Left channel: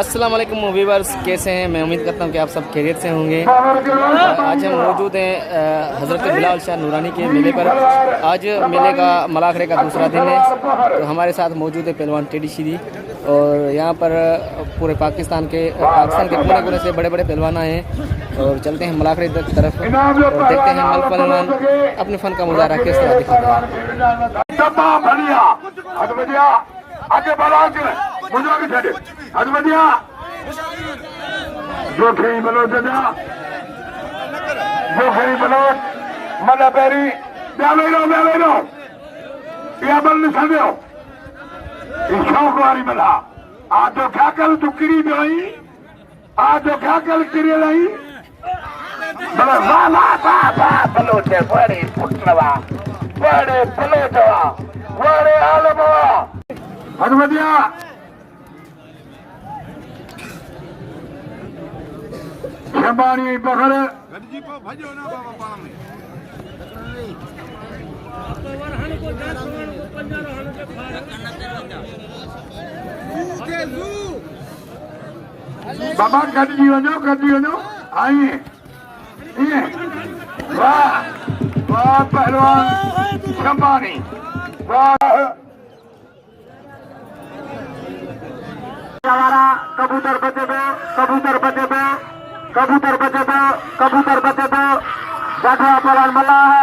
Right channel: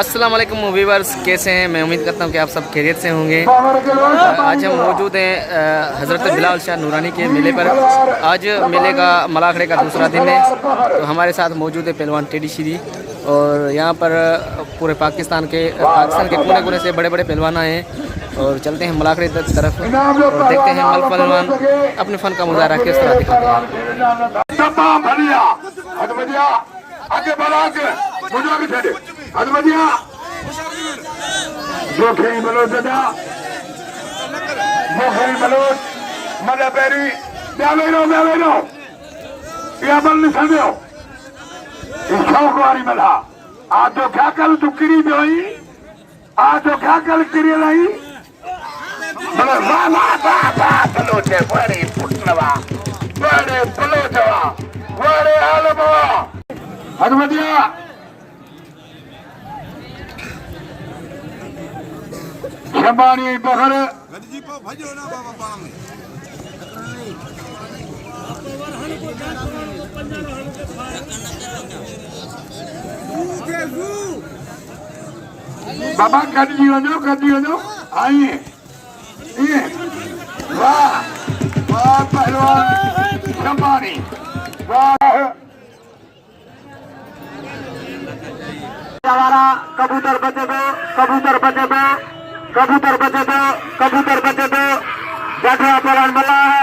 अस्सलाम वालेकुम व्यूअर्स, कैसे हैं? मैं उम्मीद करता हूं कि आप सब खैरियत से होंगे। आज हम मौजूद हैं हज़रत बिलाल शाह नूरानी के मेले पर। आज मेले का मलाखड़े का दूसरा दिन है, तो हमारे साथ मौजूद है पहलवान टेडी श्री। और यहाँ पर पूरे पाकिस्तान के कोने कोने से बड़े बड़े पहलवान आए हैं। और चलते हैं मलाखड़े की तरफ और देखते हैं मल पहलवान अपने फ़न का मुजाहरा किस तरह दिखाते हैं। आजो क्या कल तू किरी जोई आजो क्या कल किरी लाई बलो वाह वाह वाह वाह बलोचे बड़े पुटनवा बड़े बलोचवा बड़े आलमवा हनुमदिया शंबानी बखर बाबा कदी वञो आई वाह वाह पहलवान शंबानी वाह कबूतर बचे दो बैठा पहलवान बल्ला है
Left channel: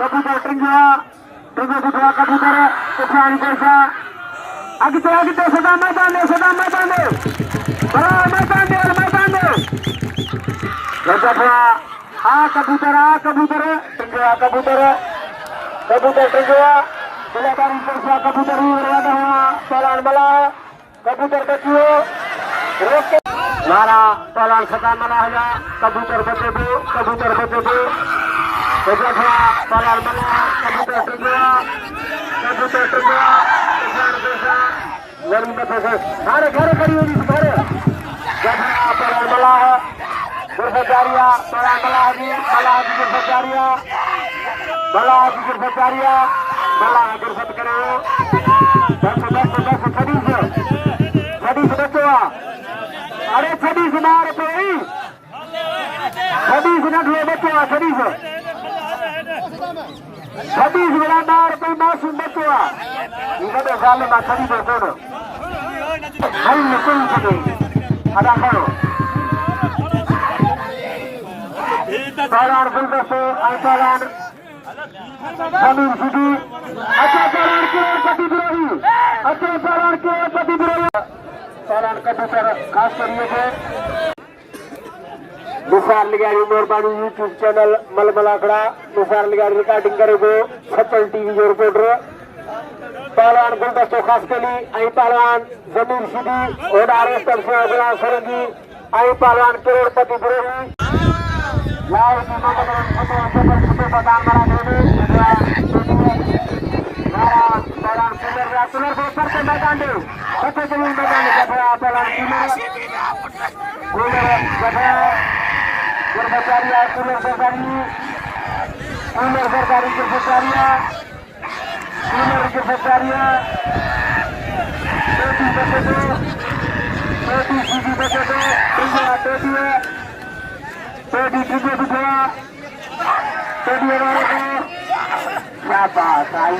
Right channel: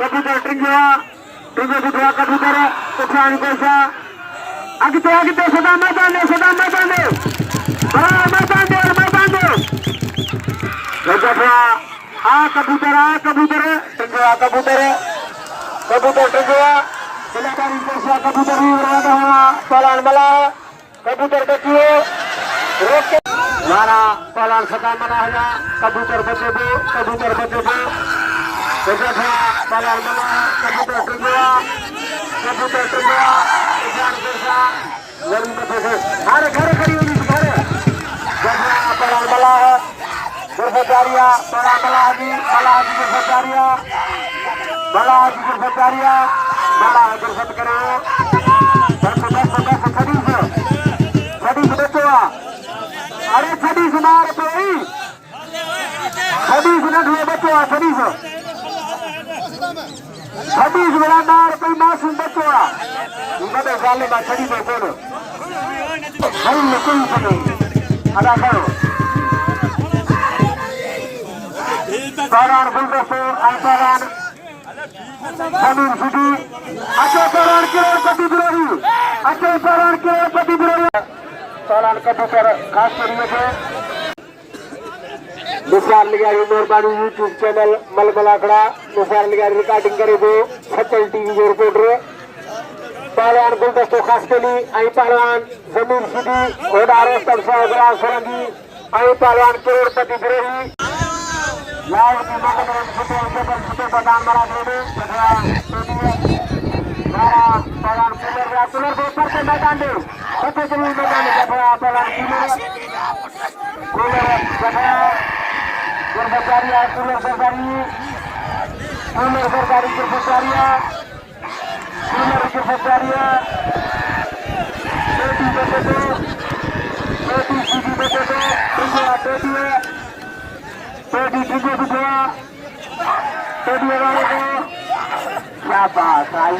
कबूतर टिंगिया बुझवा कबूतर तूफानी कैसा आगे सदा में बांधे कबूतर टिंगिया जिलाकारी कैसा कबूतर पहलवान बल्ला है कबूतर बचिए मारा पहलवान सदा मना हुआ कबूतर बचे दो पहलवान बल्ला कबूतर टिंगिया हमारे घर खड़ी होगी पहलवान बल्ला है गिरफ्तारिया बला गिरफ्त करे अरे छड़ी से मार पे छड़ी से मेरा मार कोई मासूम बच्चा तो गाले में छड़ी दे कौन नहीं निकल अदा करो पहलवान गुलदस्तो पहलवान जमीन सिटी अच्छे पहलवान करोड़पति विरोही पहलवान कबूतर खास करिए निसार लिगारी मेहरबानी यूट्यूब चैनल मलमलाखड़ा निसार लिगारी रिकॉर्डिंग करेगो सचल टीवी जो रिपोर्टर पहलवान गुलदस्तो खास कली आई पहलवान जमीन सिटी ओडार तब से अगला सरंगी आई पहलवान करोड़पति विरोही क्या बात आई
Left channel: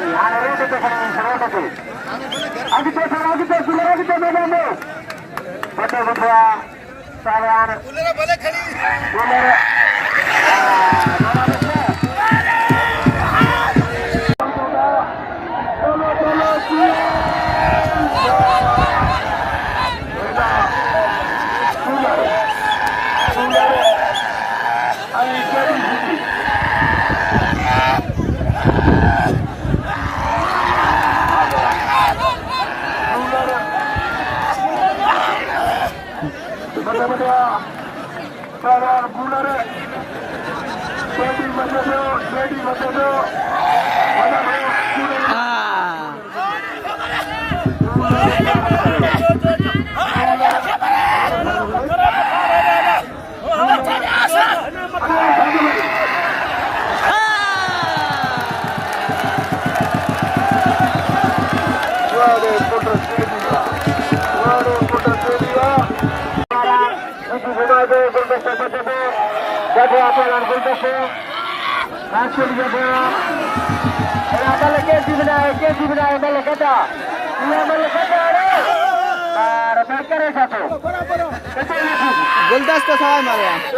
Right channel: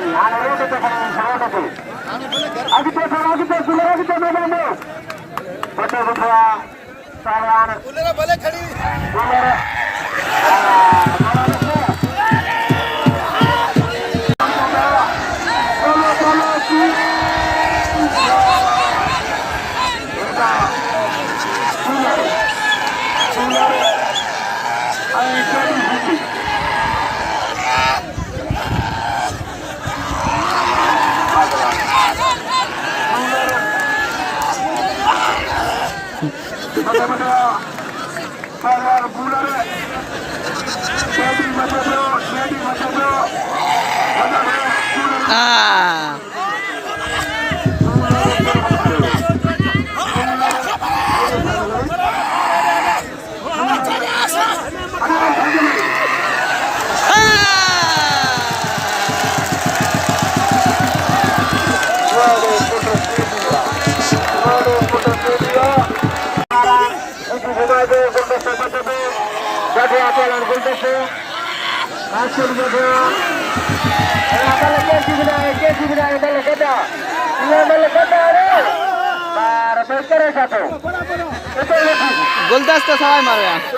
Jadi apa yang kultus hasil jadi kalau kesi benar balik kata ia balik kata ada betul satu betul lagi गुलदस्ता सवाई मारो यहाँ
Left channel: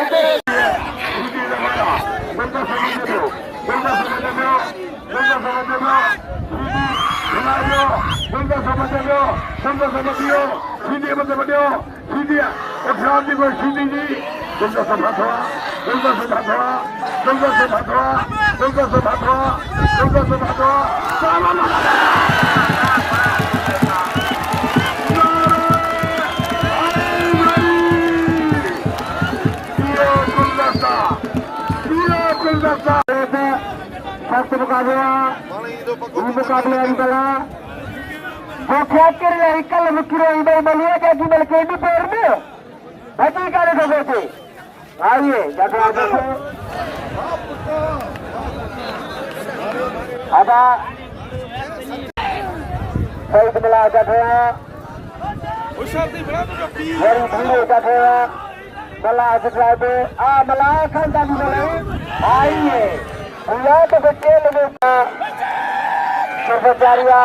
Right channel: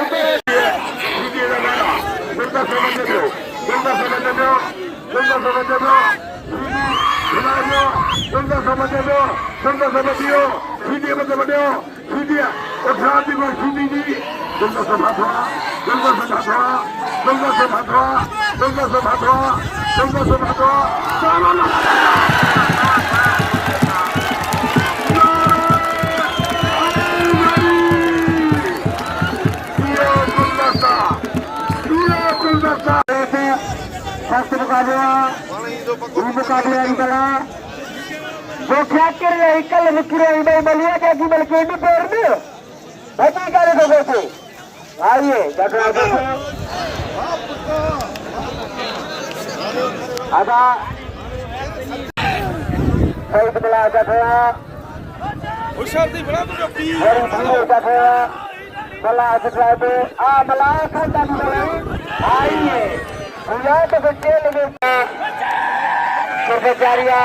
Secretaria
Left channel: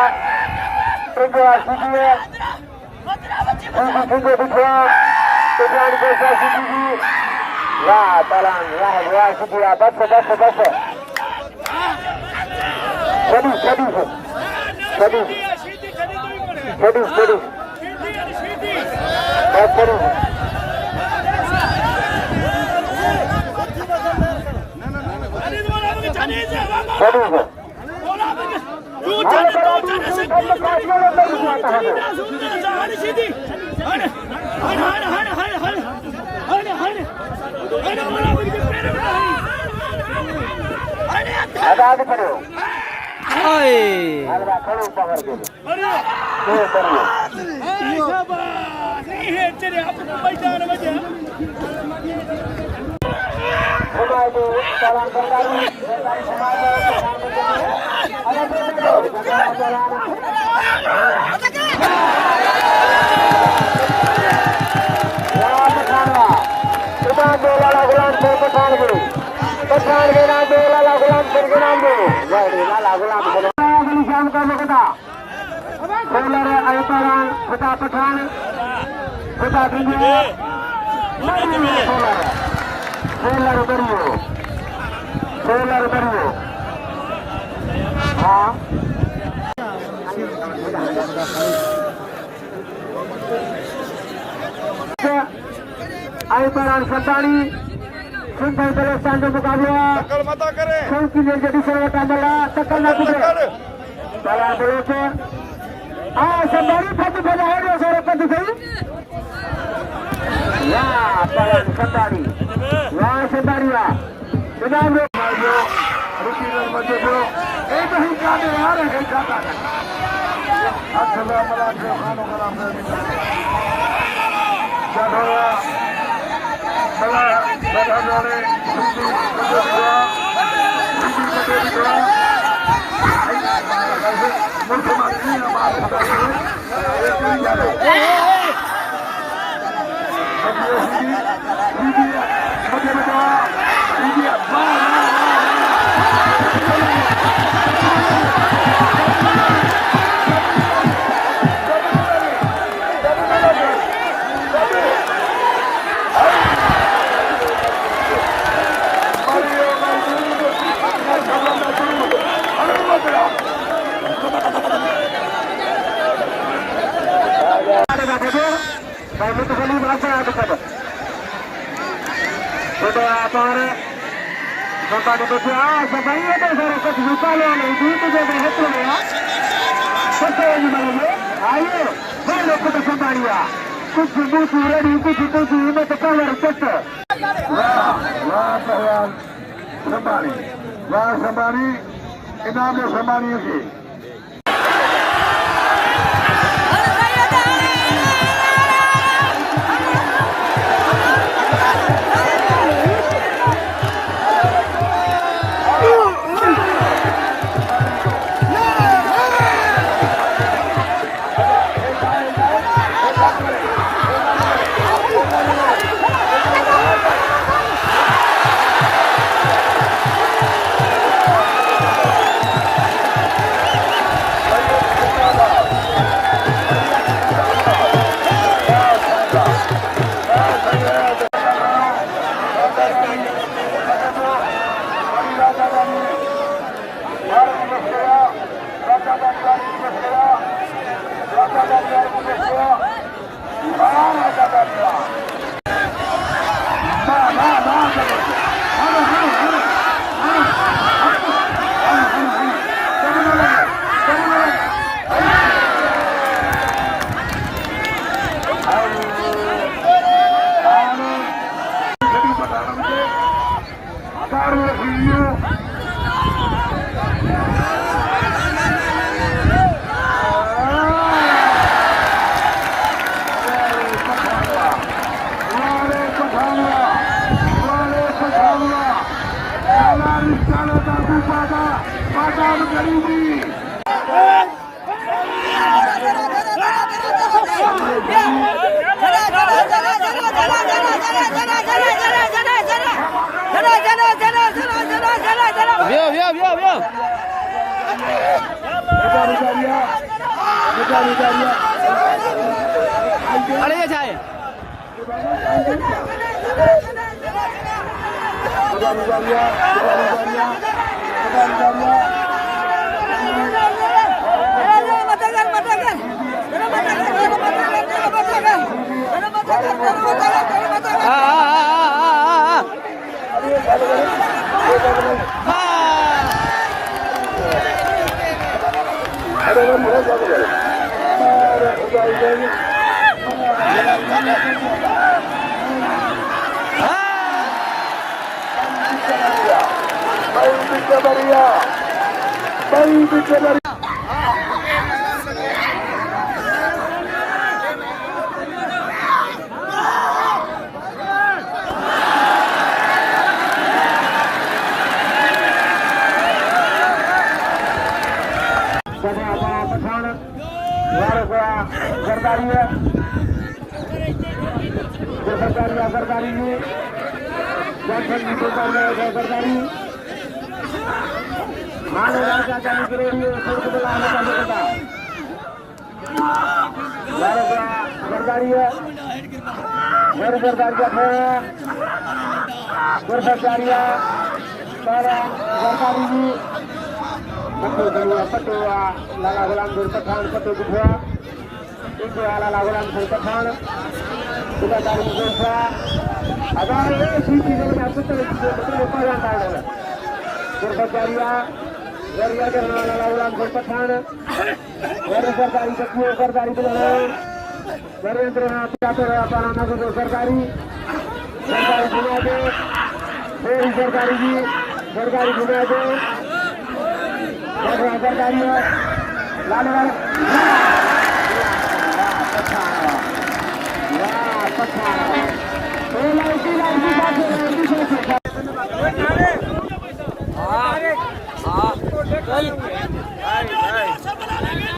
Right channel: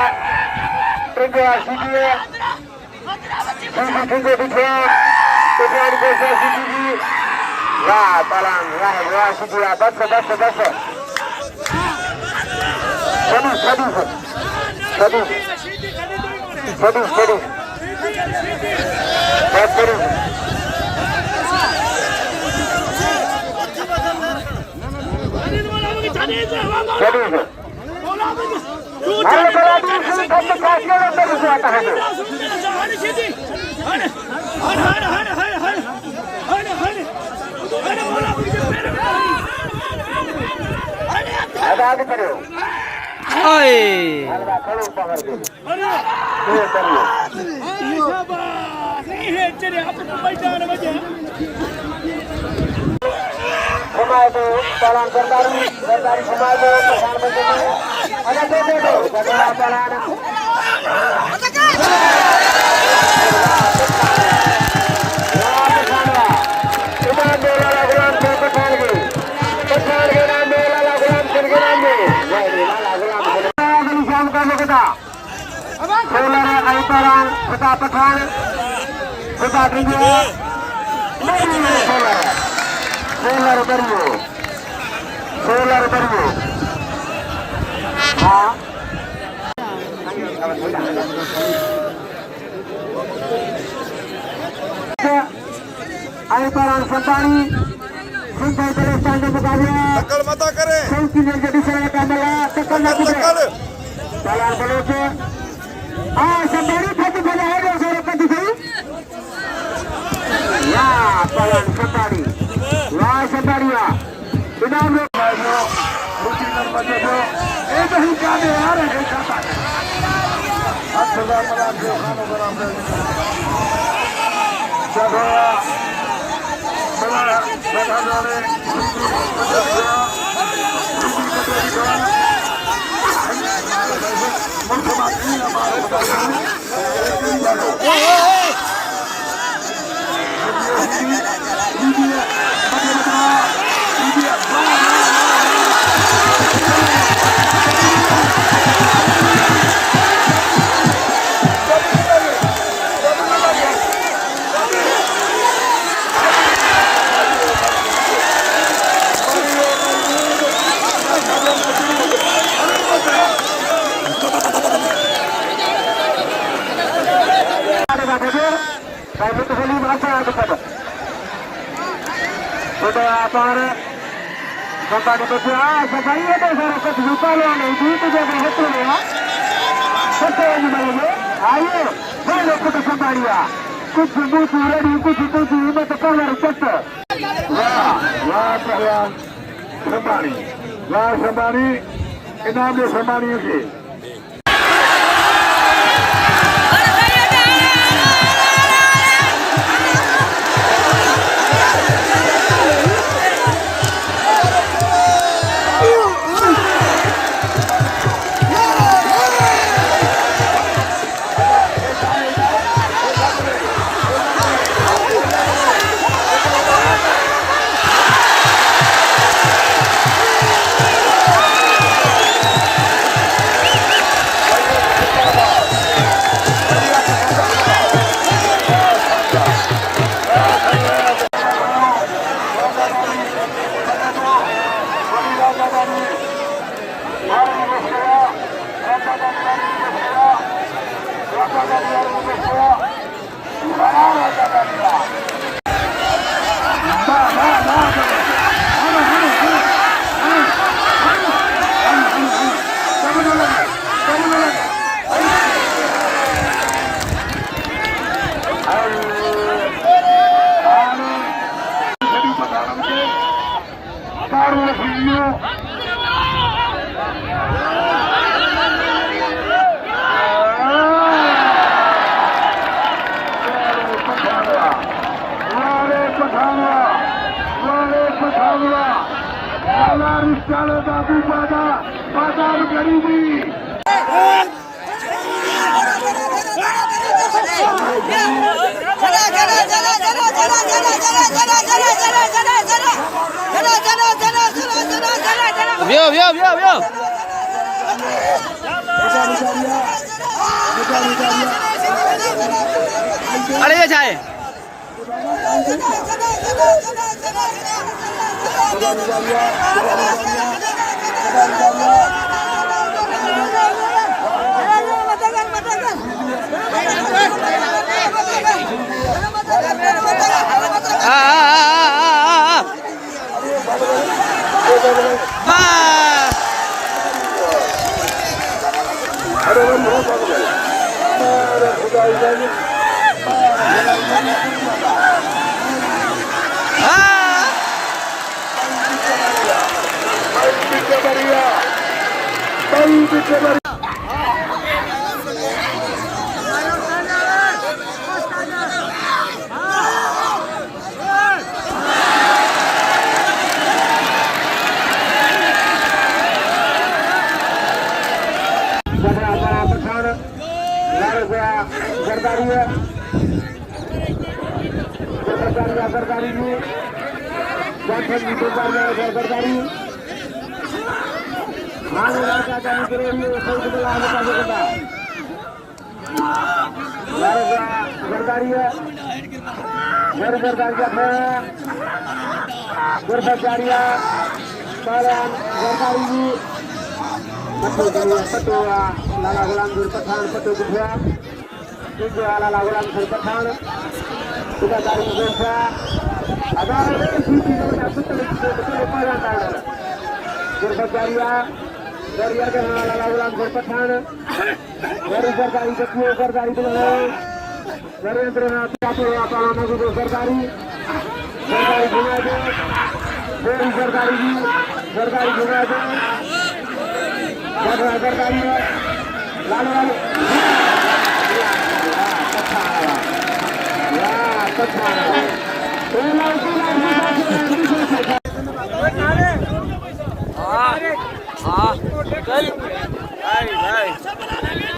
Tunggu Asyidia Tunggu Bidwa Tujuan Desa Asyidia Ya, talang, ya Asyidia Baca Sedih Baca Halo berarti komunikasi yang baru saya tahan. Ada apa baru? Oi. Jalan kembali dari Sumatera ada solar baru. Aibaran Santani sampai terus tanda mukamnya. Takal mata kare. Sangki jadi saya kamera tekan lagi. Saya terus. Santani satu pada ada saya kata saya. Ya, Aibaran Santani. Ya, Santani ya. Benar. एक ही गाने आ रहे हैं व्यो अरे ये जाए पठान जरदारी है जरदारी में जरदारी जरदारी है पटो लाला गुलाम गुर पठान पटो गुफा लाला गुलाम गुर पठान दारी गुफा अगर गुरबचारिया लाला गुलाम गुर पठान सरकारी सरकारी नरेंद्रनाथ सरकारी सरकारी घुमा दे सरकारी जी सरकारी घुमा दे सरकारी लाल